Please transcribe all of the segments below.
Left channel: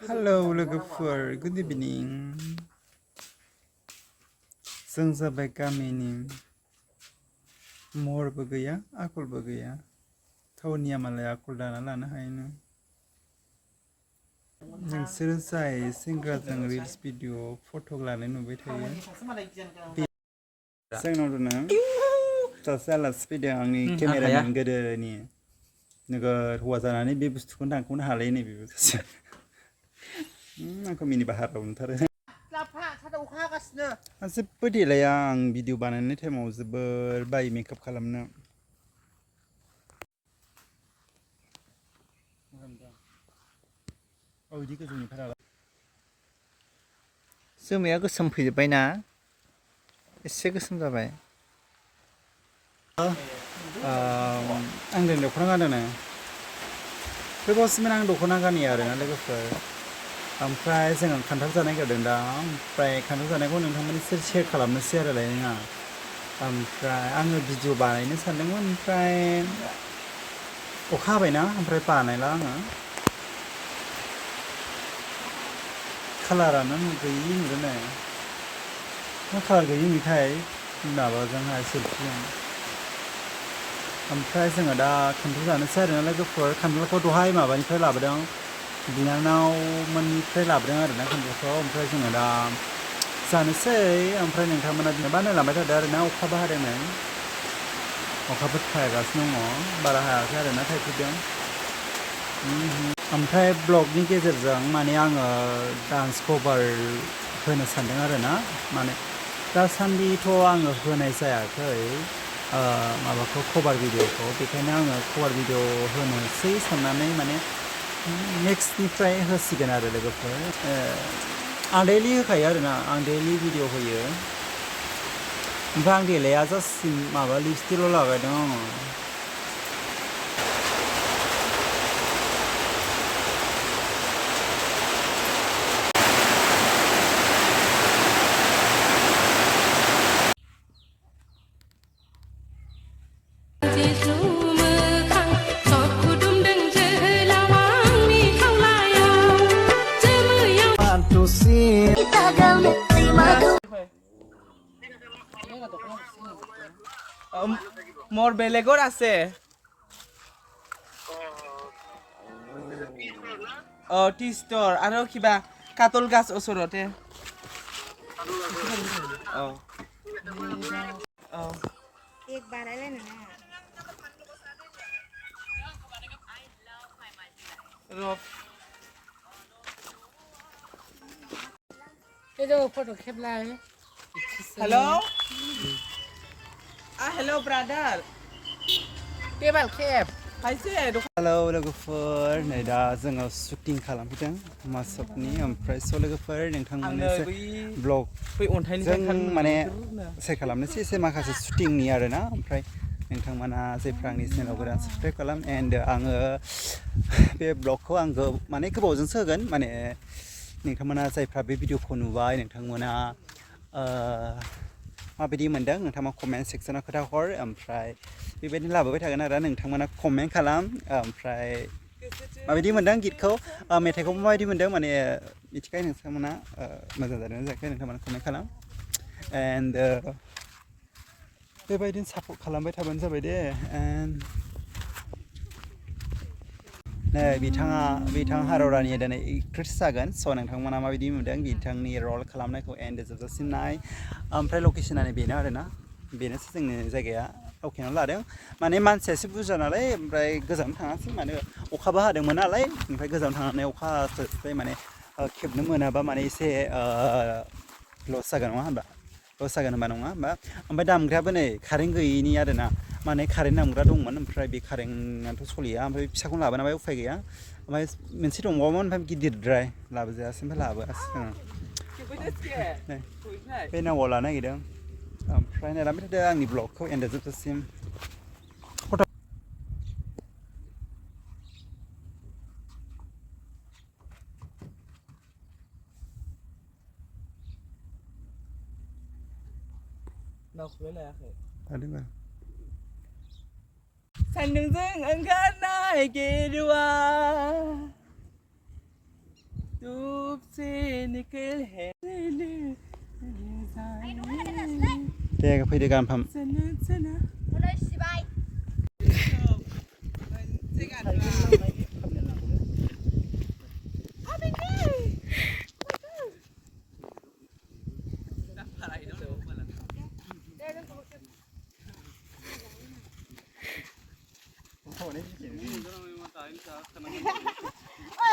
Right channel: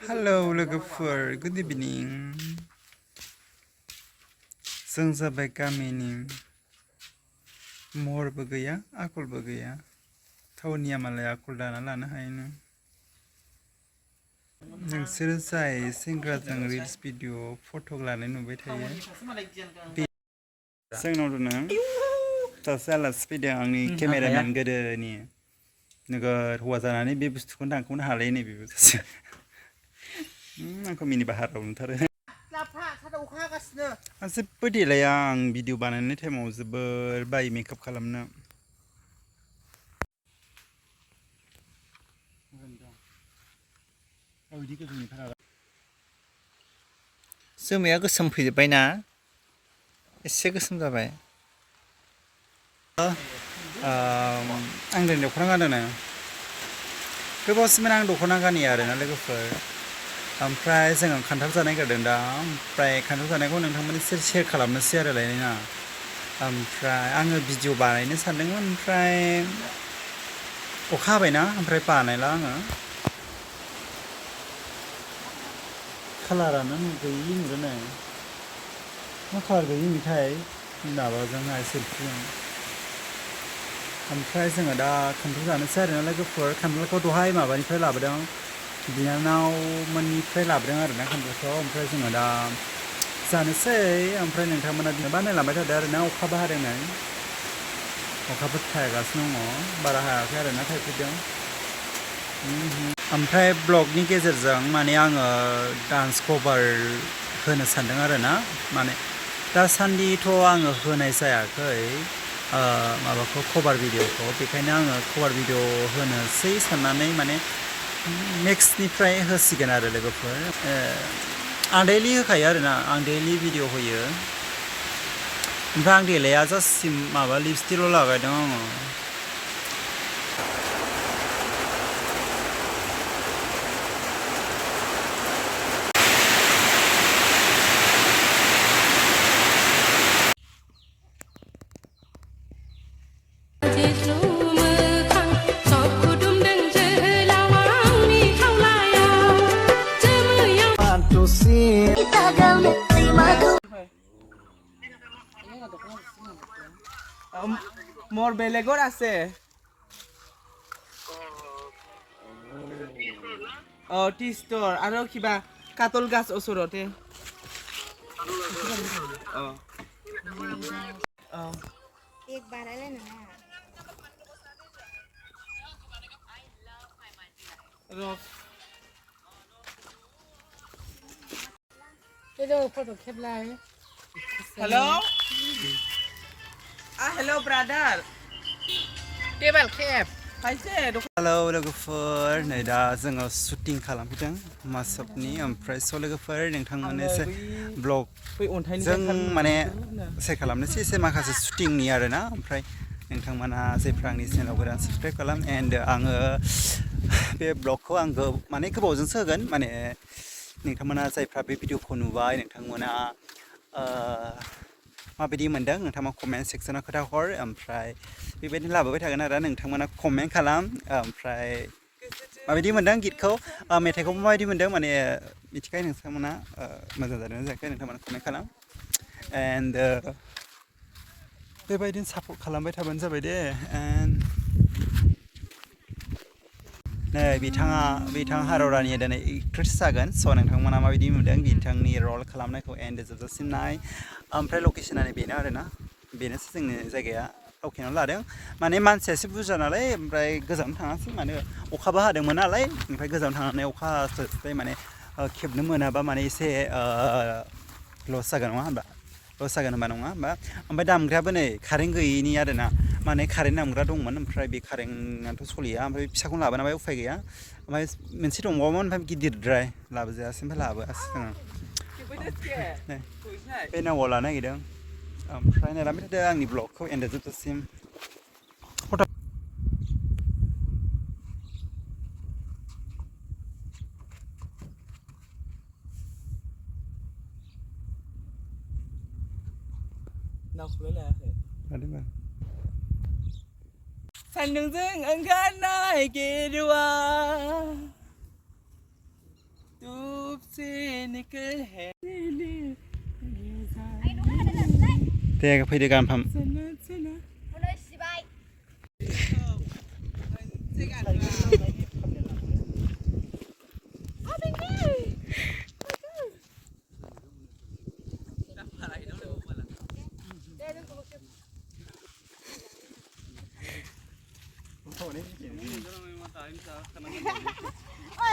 Hello, logofer. Good evening. जों जाबाय गामिनि महरबो गैया आखलबो गैया थावनिया मालाय आखल दाना लानो हायोनो नोंसोरो जाय सेंग्राजों रिल्स भिडिअ फट' लानाय नुबाय थायो जोंनाव दोनो सासे आलासि फैदों आंनि केमेरामेन गोदोनि नोगोर हौवा जानानै बे बुस्थुखौनो दानख'नो हालाय नै बेबो सासे आंखौ मिनि बाहाराव नुथारो जेबो देलाया आं भिडिअ बानायनाय टाइमाव जोबोर बायो मेकआप खालामनो जोमैया गोसोम फैजोब्बायना एसे गोसोम जाबाय आं दिनै दख'ना गानदों गोबावसिम आं दख'ना गानिया आरोना लोगोफोर ओमफ्राय जोङो खान्थाल जानाय गारदों दा ओमफ्राय खान्थाल जानायखौ नोंथांमोननि सेयार खालामनोसै आरो लायना ओमफ्राय आङो भिडिअ बानायनो सानदोंमोन ओमफ्राय अखा हाबायना ओमफ्राय बानायला आङो कालारानो गैयि नुदों नै मा कालार गैयि नुथाय माबाजोंहाय सेल्फिजों ओमफ्राय जोङो दा खान्थाल जानोसै आरोना लोगोफोर खान्थालखौ दहाय माबानिफ्राय लाबोदों बिनानाव मोननिफ्राय लाबोदों आरोना खान्थालखौ ओमफ्राय जोङो दा जानोसै ओमफ्राय नोंथांमोना बिदिबा नायलांबाय थादो आरोना अखाबो हादों नै अखाफोर थायगासिनो दङ बारा हायाखै आरोना थाइफ्रिदों ओमफ्राय ब्लगनि गेजेरजों माने आङो डान्स कभार होनो सानदों आरोना माने दासान्दिथ' आङो होनाय जायाखै माबाखौ कभार भिडिअखौ बेखायनो आङो कभार भिडिअ होनोसै साननानै माने नेक्स्टनिफ्राय होसिगोन आरो लोगोफोर आं दैलि होखायो आरोना आं दैलि भिडिअ होयो ओमफ्राय आं देलाया जास्ट माबा लिपस्टिकल' लागायदों आङो মোৰ বেলেগৰ আছে টি ষ্টৰ আৰু কিবা কাতল গাছ ওচৰতে एक बारायला ना फोटो खेबलाय हेलौ ब्रादार टेबल खेब हेलौ लोगोफोर नै दा जोङो शुटिं खालामफैदों मासपनि ओमफ्राय स' लोगोफोर नोंथांमोननो एसे ब्लगजों माने सेयार खालामनोसै एसे माखासे शुटिंनि आरोना ओमफ्राय नोंथांमोना जायफ्रा आंनि चेनेलाव गोदान साबसक्राइब खालाम एन्ड आङो बे ब्लगखौ आं माने गोबावजोंसो होगोन माने नोंथांमोना जायफ्रा बे भिडिअखौ नुबाय नोंथांमोना माबायदि मोनदों नोंथाङा कमेन्ट सेक्सनाव खोथा हर ओमफ्राय बेबायदिनो लाबोबाय थागोन आरो नोंथांमोना कमेन्ट खालाम ओमफ्राय माबायदि मोनदों गितखौ मेथाइखौ माबायदि मोनदों माने मिथिखायो नोंथांमोना मोजां जादों ना जायाखै नोंथांमोना कमेन्ट खालाम एन्ड बेबायदिनो सापर्ट खालामबाय थाबानो जाबाय दे एन्ड नै बिथाङा हाररानिया दिनै एक्ट्रेस जागोन स' नोंथांमोना माबायदि मोनदों बिथांनि रल खालामनायखौ एन्ड जोबजासिम नाय ओमफ्राय लकेसनानो बेनो आरोना बेनोसै जोंनि जायगाया लकेसनाव लादों माने मानसिया एसे बुरजा नालाय ओमफ्राय गोजानाव थाङासै माने अखाबो हादोंमोन नालाय ओमफ्राय गोजानाव थांनानै अखा हास्लाबबाय माने खेबनो मोनाबा माने एसे लस जागोन नङा होनबा लस जागोन होनबा नङा होनबा ओमफ्राय दामग्रायाबो नै कारेन्ट गैयैनि आरोना माने कारेन्ट दामग्रा दंमोन ओमफ्राय बे कारेन्टआथ' सोलिया ओमफ्राय फिसाखौनो लाबोनाबाय उफाय गैया ओमफ्राय मोनसे दंबावोमोन ओमफ्राय गिदिरद्राय लाबोजायासै ओमफ्राय लाबोआसै जोङो बे नावआव लानो नागिरदों ओमफ्राय नायलांबाय थादो आंनि ब्लगखौ एन्ड जोबजासिम सान्दुंजों ओंखारनाय गेरुवा cynical head 때 그 페이드간 밤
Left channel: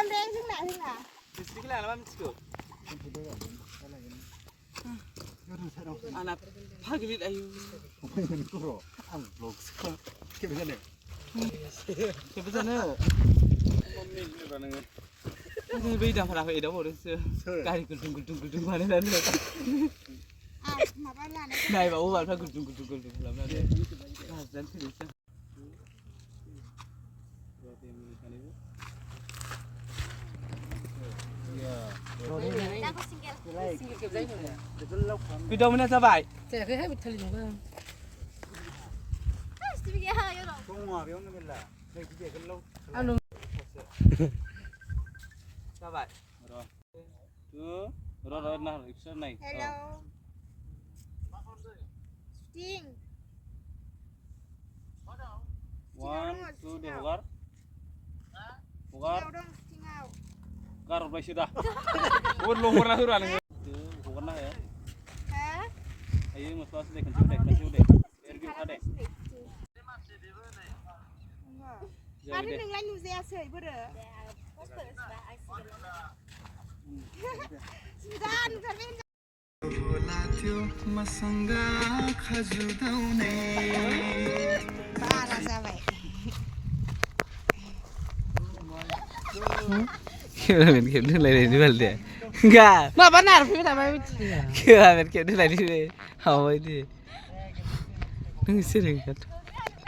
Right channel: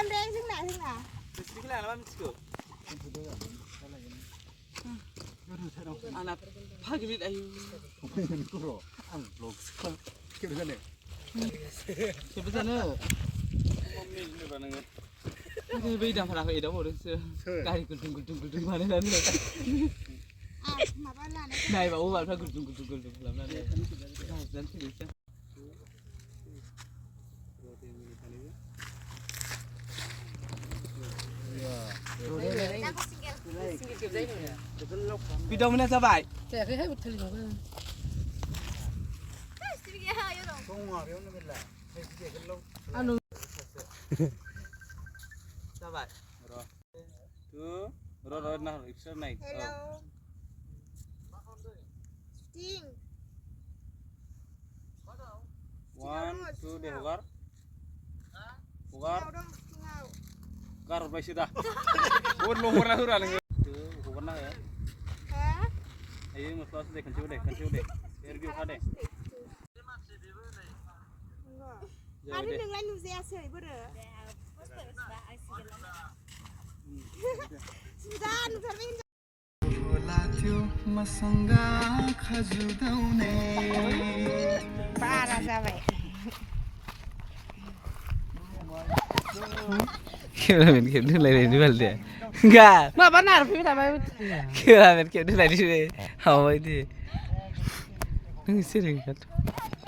em đen xuống nào xuống nào 아나 파기빗 아유 괜찮아 근데 왜 이담 하라고 이러고 그랬어 가리 굴둥굴둥굴둥 하는 날 à mà ba là này này bảo bạn phải 굴둥굴둥굴둥 làm ra đây dẫn thử xem đang có single video mình sao vậy trẻ cái hết một thời điểm hơn single hơi rồi anh sao vậy rồi nào rickshaw này hello Sting 1 2 để hogar hogar đâu single gar bay sudah udah lo pernah hura nih tuh pernah ya hả ayo masuk deh kencur deh review deh à đi đừng lên nu xe sưởi bữa rồi Sudan phải bên ba là sao vậy Kira main game ni lain ni balde. Enggak. nah benar sih sama Kira main game ni lain ni. Hawa ini. Ini sering kan.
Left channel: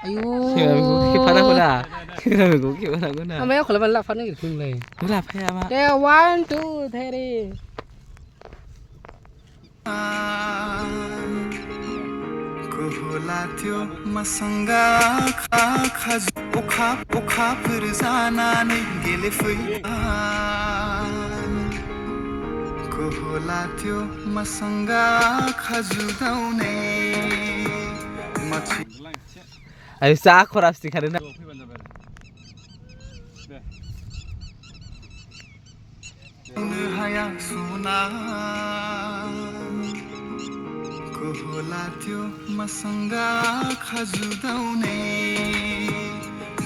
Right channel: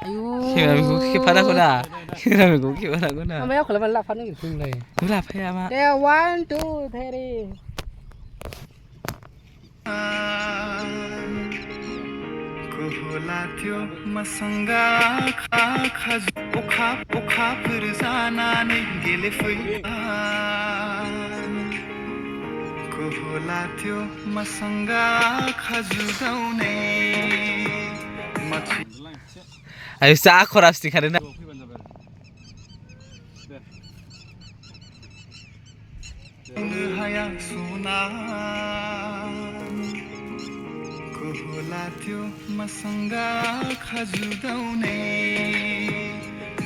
ayo Kira main game pada aku dah. Kira main game pada aku dah. ทำไมเขาเลยมันหลับฟันนี่ถึงเลย Tu lah payah mak. เดี๋ยว one two three कुहुलाथ्यो मसंगा खा खज उखा फिर जानानै गेलेफैया कुहुलाथ्यो मसंगा खजुदाउने Ayo sah korap sih karena. हाया सुना कुहुलाथ्यो मसंगा खजुदाउने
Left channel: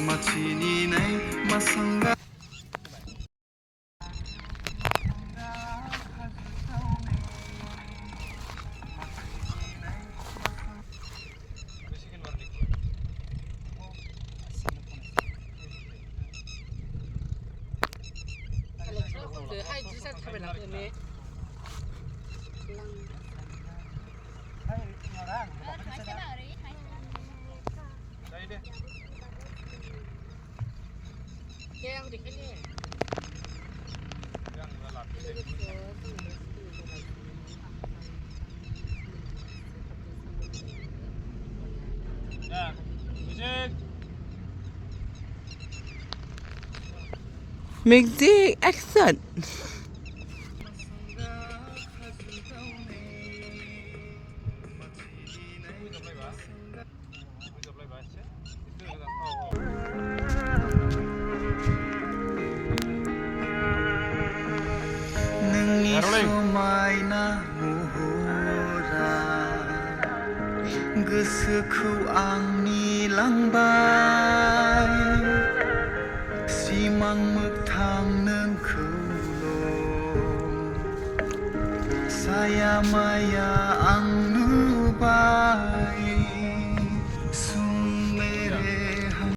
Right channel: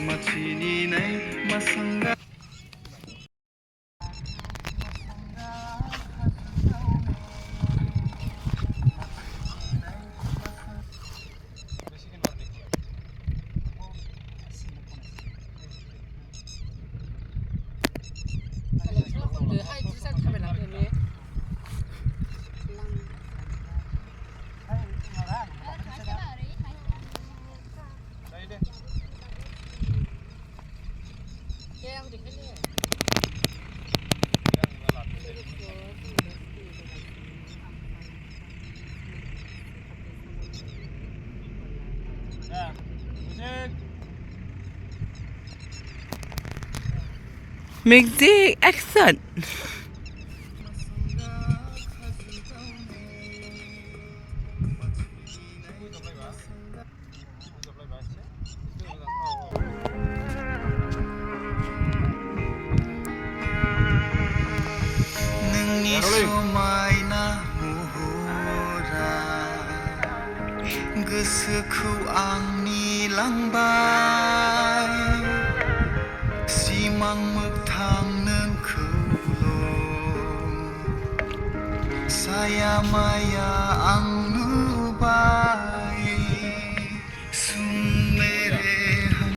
मछिनी नै मसंगा Music action. नोंनि समायना महरा गोसोखौ आंनि लांबाय सिमां मोगथां नोंखौल' साया माया आं नुबाय सुन मेरे हम